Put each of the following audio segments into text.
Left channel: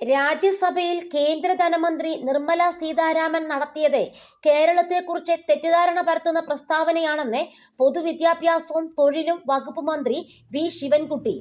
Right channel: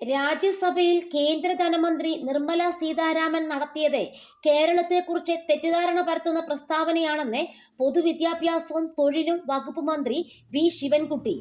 രാജ്യസഭയിൽ കേന്ദ്ര ധനമന്ത്രി നിർമ്മല സീതാരാമൻ നടത്തിയത് കേരളത്തെക്കുറിച്ച് തെറ്റിദ്ധാരണ പരത്തുന്ന പ്രസ്താവനയാണെന്ന് പൊതുവിദ്യാഭ്യാസവും തൊഴിലും വകുപ്പ് മന്ത്രി വി ശിവൻകുട്ടി.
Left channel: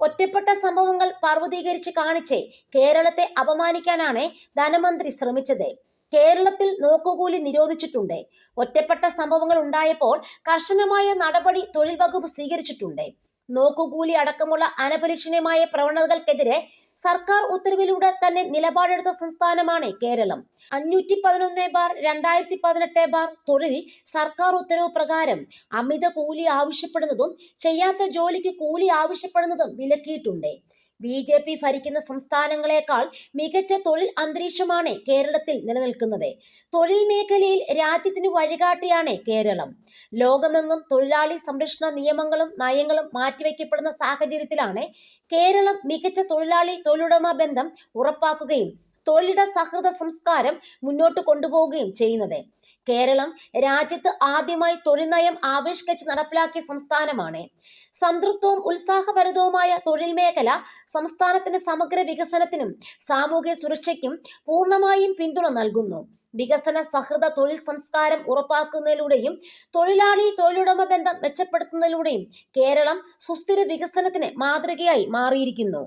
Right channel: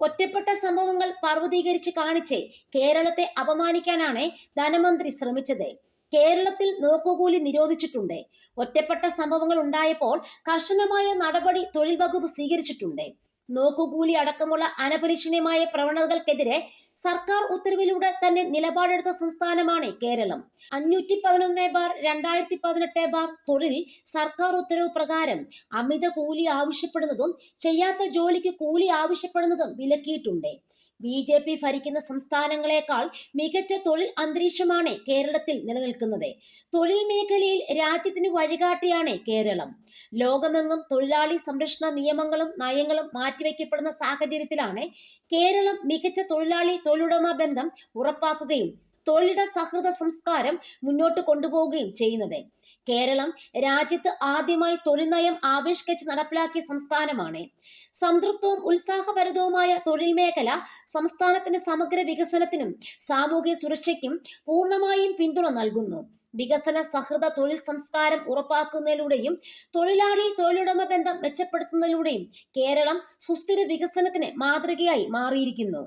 ഒറ്റപ്പെട്ട സംഭവങ്ങൾ പർവ്വതീകരിച്ച് കാണിച്ച് കേരളത്തെ അപമാനിക്കാനാണ് ധനമന്ത്രി ശ്രമിച്ചത്. കേരളത്തിൽ നോക്കുകൂലി നിരോധിച്ചിട്ടുണ്ട്. ഒറ്റപ്പെട്ട സംഭവങ്ങൾ ഉണ്ടായപ്പോൾ കർശനമായ നടപടി തൊഴിൽ വകുപ്പ് സ്വീകരിച്ചിട്ടുണ്ട്. നോക്കുകൂലി അടക്കമുള്ള അനപരിശീലനമായ പ്രവണതകൾക്കെതിരെ സർക്കാർ ഉത്തരവിലൂടെ തന്നെ നിലപാടെടുത്ത സംസ്ഥാനമാണ് കേരളം. 511/2018 തൊഴിൽ സർക്കാർ ഉത്തരവ് പ്രകാരം അമിത കൂലി ആവശ്യപ്പെടുന്നതും ചെയ്യാത്ത ജോലിക്ക് കൂലി ആവശ്യപ്പെടുന്നതും വിലക്കിയിട്ടുണ്ട്. BJP ഭരിക്കുന്ന സംസ്ഥാനങ്ങളെക്കാൾ മികച്ച തൊഴിൽ അന്തരീക്ഷമാണ് കേരളത്തിൽ നിലനിൽക്കുന്നത്. തൊഴിൽ മേഖലയിൽ രാജ്യത്തിന് വഴികാട്ടിയാണ് കേരളം. ലോകമെങ്ങും തൊഴിലാളി സംരക്ഷണ നിയമങ്ങളും നയങ്ങളും മാറ്റിവെക്കപ്പെടുന്ന സാഹചര്യത്തിലാണ് കേരളം മികച്ച തൊഴിലുടമ ബന്ധം ഉറപ്പാക്കുകയും തൊഴിലിട സൗഹൃദ സംസ്കാരം മുന്നോട്ട് കൊണ്ടുപോവുകയും ചെയ്യുന്നത്. കേരളം രാജ്യത്ത് ആദ്യമായി തൊഴിൽ നയം ആവിഷ്കരിച്ച് നടപ്പിലാക്കിയ സംസ്ഥാനമാണ്. സംതൃപ്തവും ഉത്സാഹഭരിതവുമായ തൊഴിൽ മേഖല സംസ്ഥാനത്തിന്റെ സമഗ്ര വികസനത്തിനും സാമൂഹ്യ സുരക്ഷയ്ക്കും പൂർണ്ണമായും പിന്തുണ നൽകുന്നു. വികസന സൗഹൃദ തൊഴിൽ സംസ്കാരം ഉറപ്പാക്കുന്നതിലൂടെയും തൊഴിലുടമ ബന്ധം മെച്ചപ്പെടുത്തുന്നതിലൂടെയും കേരളം സുസ്ഥിര വികസനത്തിന് മാതൃകയായി മാറിയിരിക്കുന്നു.